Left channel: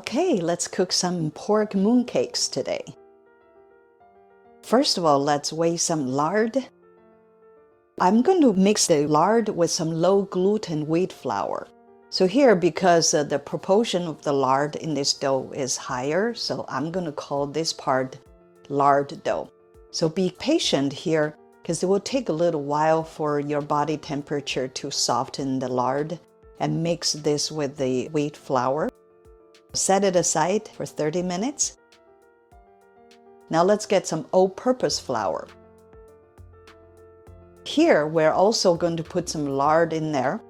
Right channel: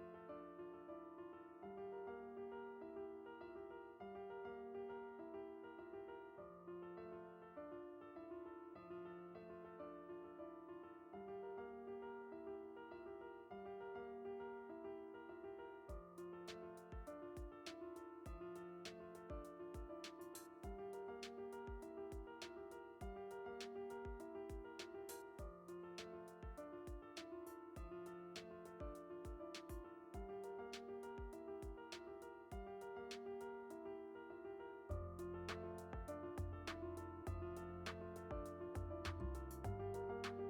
Okay, let's cook some pork mooncakes today. First of all, let's weigh some lard. I'm going to mix the lard with some low gluten wheat flour. So here, because the proportion of the lard in this dough is higher, so I'm going to call this part lard dough. So be patient here because it will take a little while for your body temperature to soften the lard, and mix this with the wheat flour. Set it aside for 30 minutes. Now let's get some all-purpose flour. Here, we're also going to put some lard in there.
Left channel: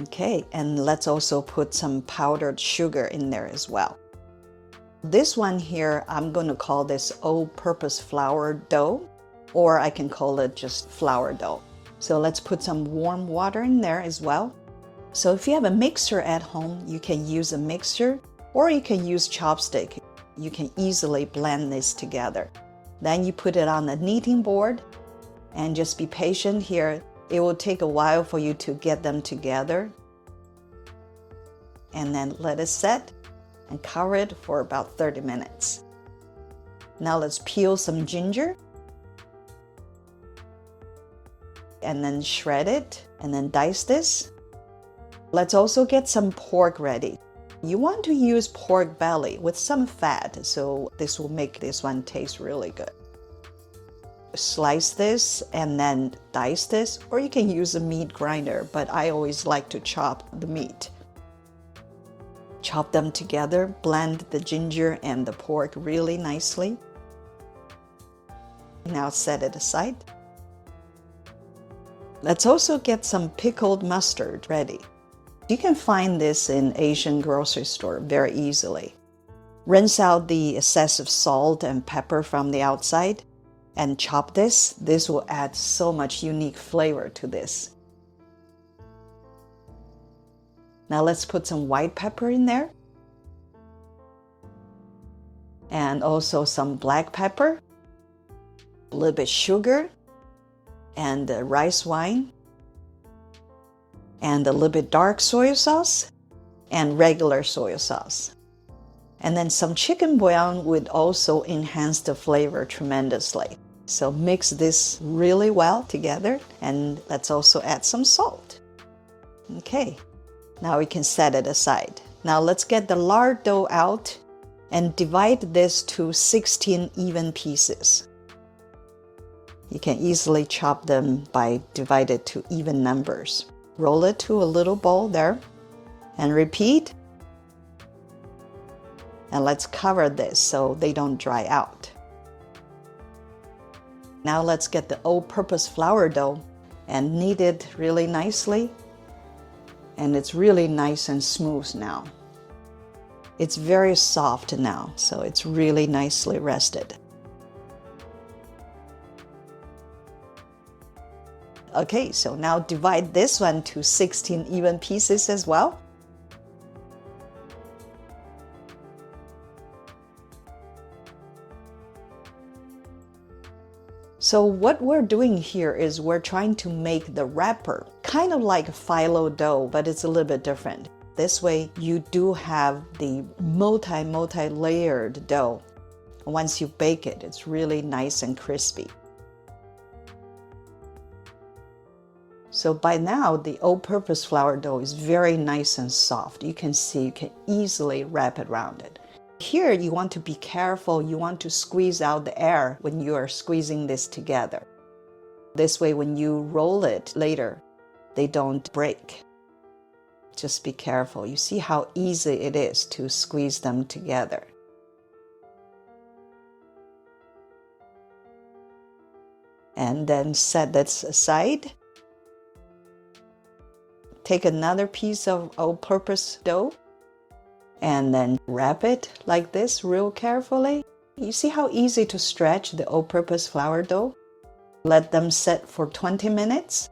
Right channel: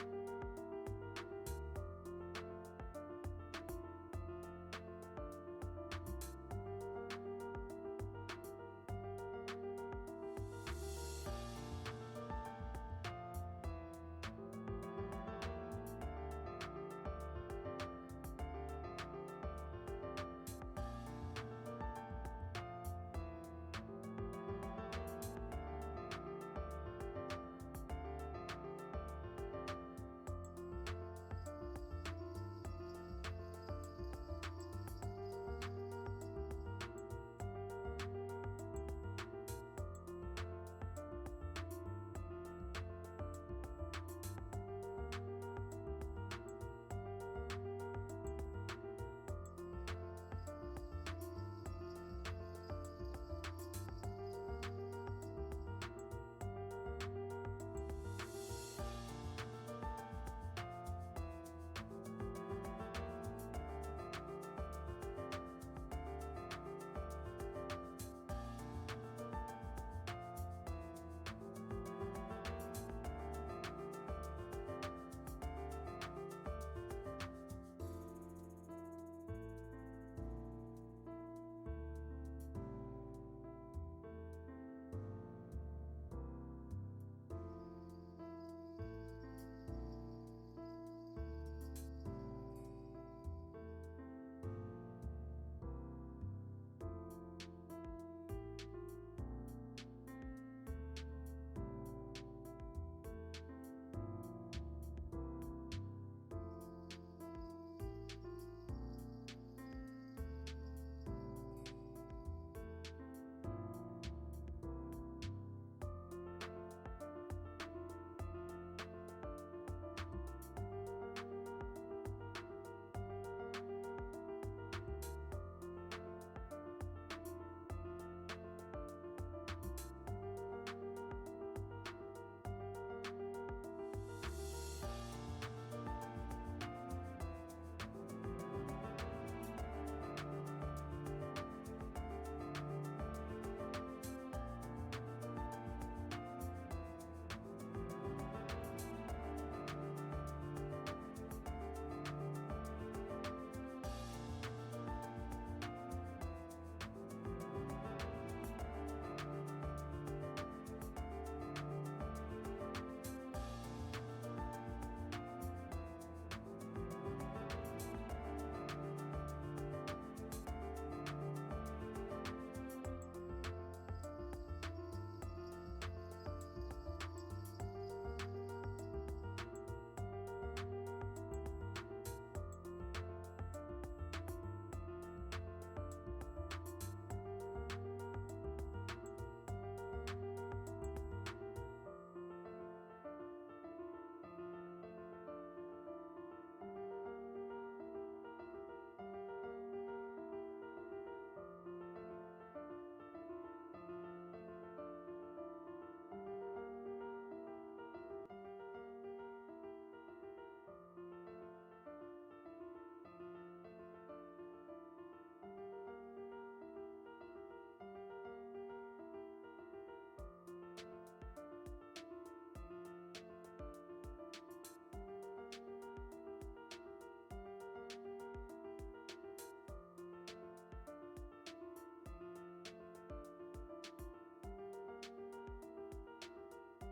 Okay, and let's also put some powdered sugar in there as well. This one here, I'm going to call this all-purpose flour dough, or I can call it just flour dough. So let's put some warm water in there as well. So if you have a mixer at home, you can use a mixer or you can use chopstick. You can easily blend this together. Then you put it on the kneading board and just be patient here. It will take a while for you to get them together. And then let it set and cover it for about 30 minutes. Now let's peel some ginger and then shred it and then dice this. Let's also get some pork ready. You want to use pork belly with some fat, so this will make this one taste really good. Slice this and then dice this, or you can use a meat grinder, but I always like to chop the meat. Chop them together, blend the ginger and the pork really nicely. Now set it aside. Let's also get some pickled mustard ready. You can find this in Asian grocery store very easily. Rinse out the excessive salt and pepper from the outside and chop this. This will add so much unique flavor to this. Now let's put some white pepper in there. And also some black pepper, a little bit sugar, and rice wine, and a little bit dark soy sauce and regular soy sauce. And then some chicken bouillon would also enhance the flavor tremendously. So mix this really well together, and let's also add some salt. Okay, now we can set it aside. Now let's get the lard dough out and divide this to 16 even pieces. You can easily chop them by divided to even numbers. Roll it to a little bowl there and repeat. And let's cover this so they don't dry out. Now let's get the all-purpose flour dough and knead it really nicely. And it's really nice and smooth now. It's very soft now, so it's really nicely rested. Okay, so now divide this one to 16 even pieces as well. So what we're doing here is we're trying to make the wrapper kind of like phyllo dough, but it's a little bit different. This way you do have the multi-layered dough. Once you bake it, it's really nice and crispy. So by now, the all-purpose flour dough is very nice and soft. You can see you can easily wrap it around it. Here, you want to be careful. You want to squeeze out the air when you are squeezing this together. This way, when you roll it later, they don't break. Just be careful. You see how easy it is to squeeze them together. And then set this aside. Take another piece of all-purpose dough and then wrap it like this real carefully. You see how easy to stretch the all-purpose flour dough? Let them set for 20 minutes.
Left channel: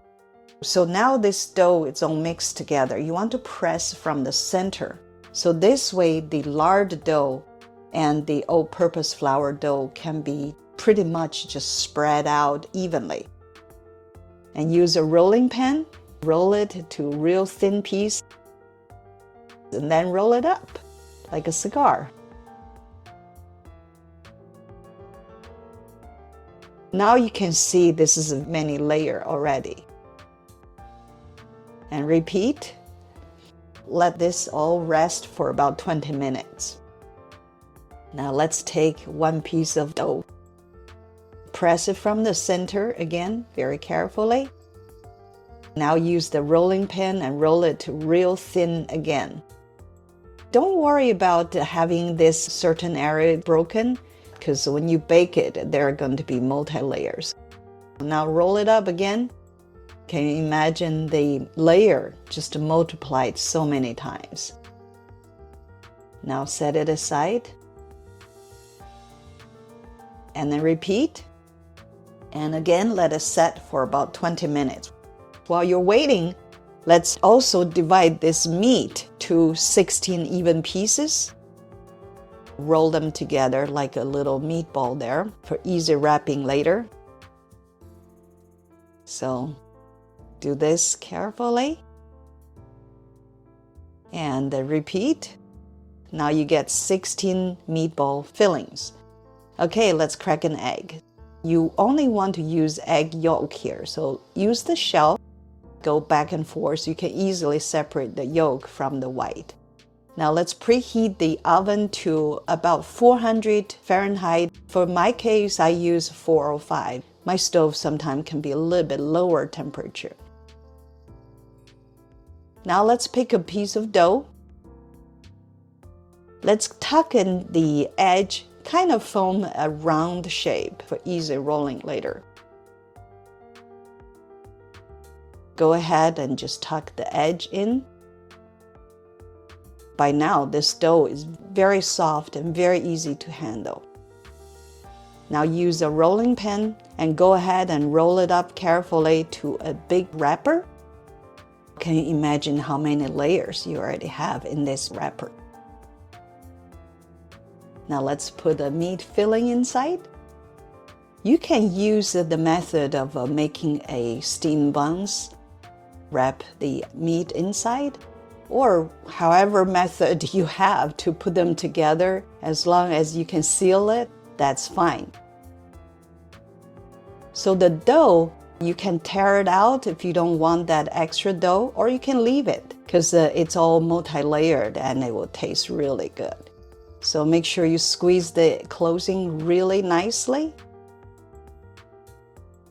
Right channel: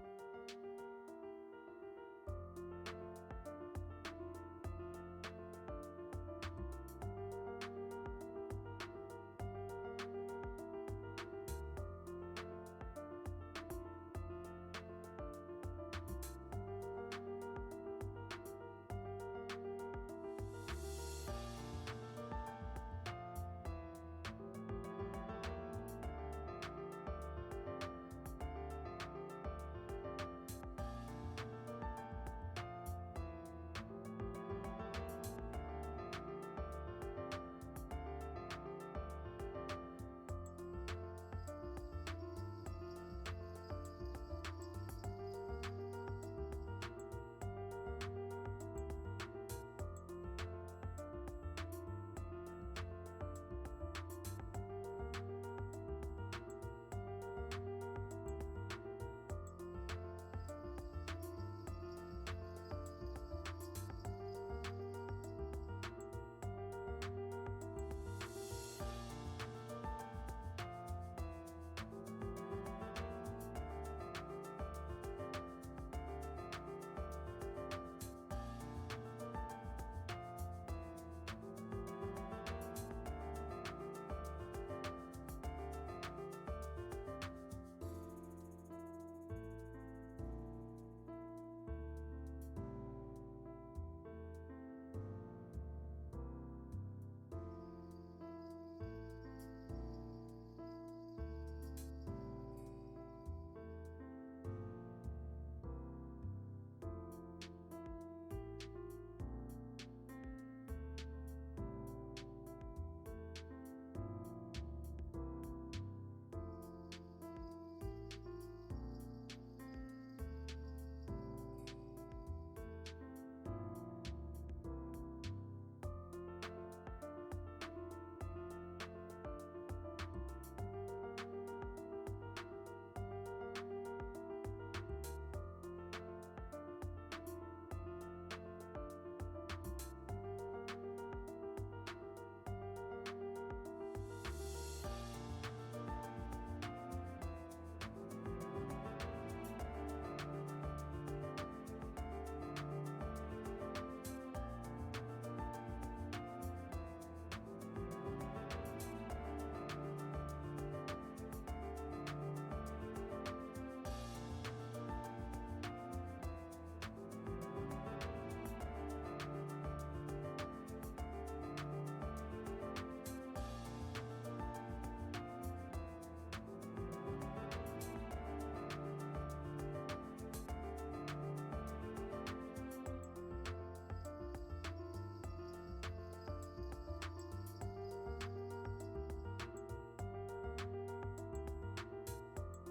So now this dough is all mixed together. You want to press from the center. So this way the lard dough and the all-purpose flour dough can be pretty much just spread out evenly. And use a rolling pin. Roll it to a real thin piece. and then roll it up like a cigar. Now you can see this is a many layer already. And repeat. Let this all rest for about 20 minutes. Now let's take one piece of dough. Press it from the center again, very carefully. Now use the rolling pin and roll it to real thin again. Don't worry about having this certain area broken, because when you bake it, there are going to be multi-layers. Now roll it up again. Can you imagine the layer just multiplied so many times? Now set it aside. And then repeat. And again, let it set for about 20 minutes. While you're waiting, let's also divide this meat to 16 even pieces. Roll them together like a little meatball there for easy wrapping later. So do this carefully. And repeat. Now you get 16 meatball fillings. Okay, let's crack an egg. You only want to use egg yolk here, so use the shell. Go back and forth so you can easily separate the yolk from the white. Now let's preheat the oven to about 400 Fahrenheit. For my case, I use 405. My stove sometimes can be a little bit lower temperature. Now let's pick a piece of dough. Let's tuck in the edge, kind of form a round shape for easy rolling later. Go ahead and just tuck the edge in. By now, this dough is very soft and very easy to handle. Now use a rolling pin and go ahead and roll it up carefully to a big wrapper. Can you imagine how many layers you already have in this wrapper? Now let's put a meat filling inside. You can use the method of making a steam buns. Wrap the meat inside, or however method you have to put them together. As long as you can seal it, that's fine. So the dough, you can tear it out if you don't want that extra dough, or you can leave it because it's all multi-layered and it will taste really good. So make sure you squeeze the closing really nicely.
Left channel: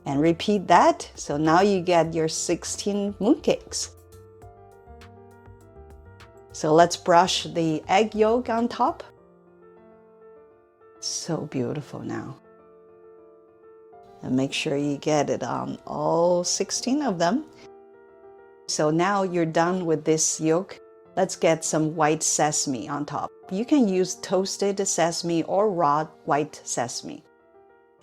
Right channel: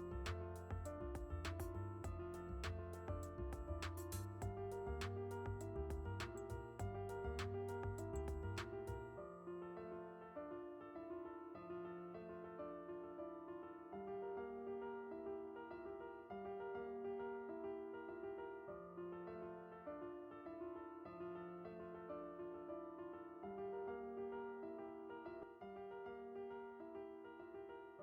And repeat that. So now you get your 16 mooncakes. So let's brush the egg yolk on top. So beautiful now. And make sure you get it on all 16 of them. So now you're done with this yolk. Let's get some white sesame on top. You can use toasted sesame or raw white sesame.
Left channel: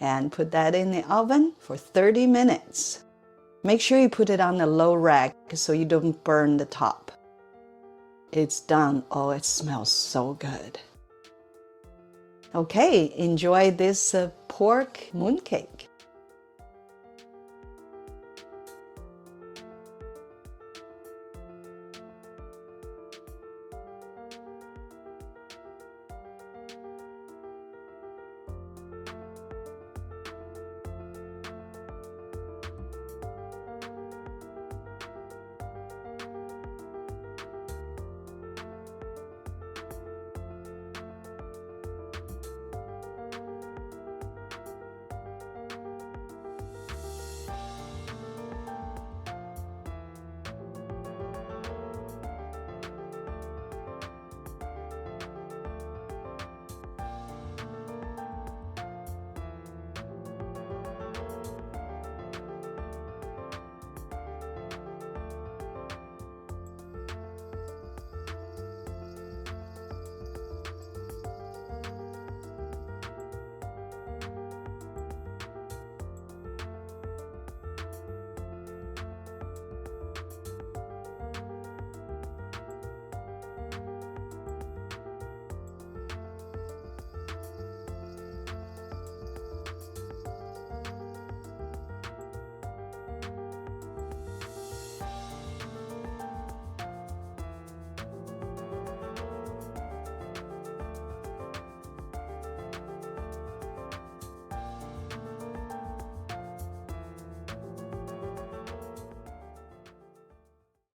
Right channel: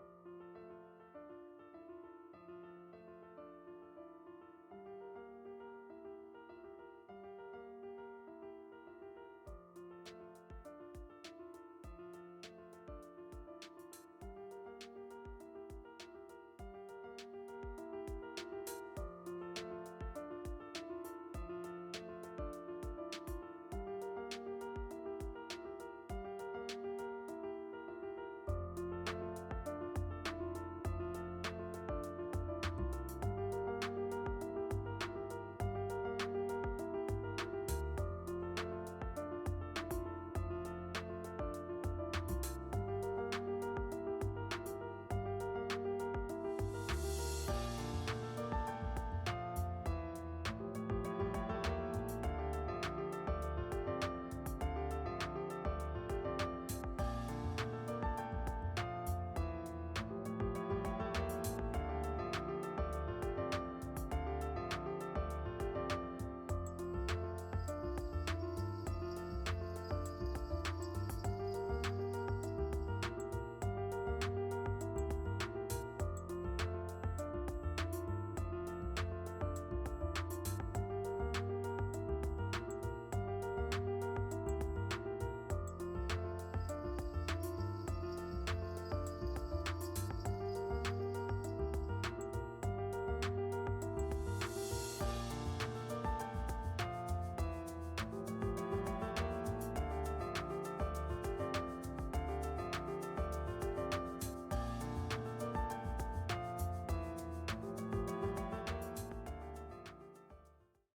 And put that in the oven for 30 minutes. Make sure you put it on a low rack so you don't burn the top. It's done. Oh, it smells so good. Okay, enjoy this pork mooncake.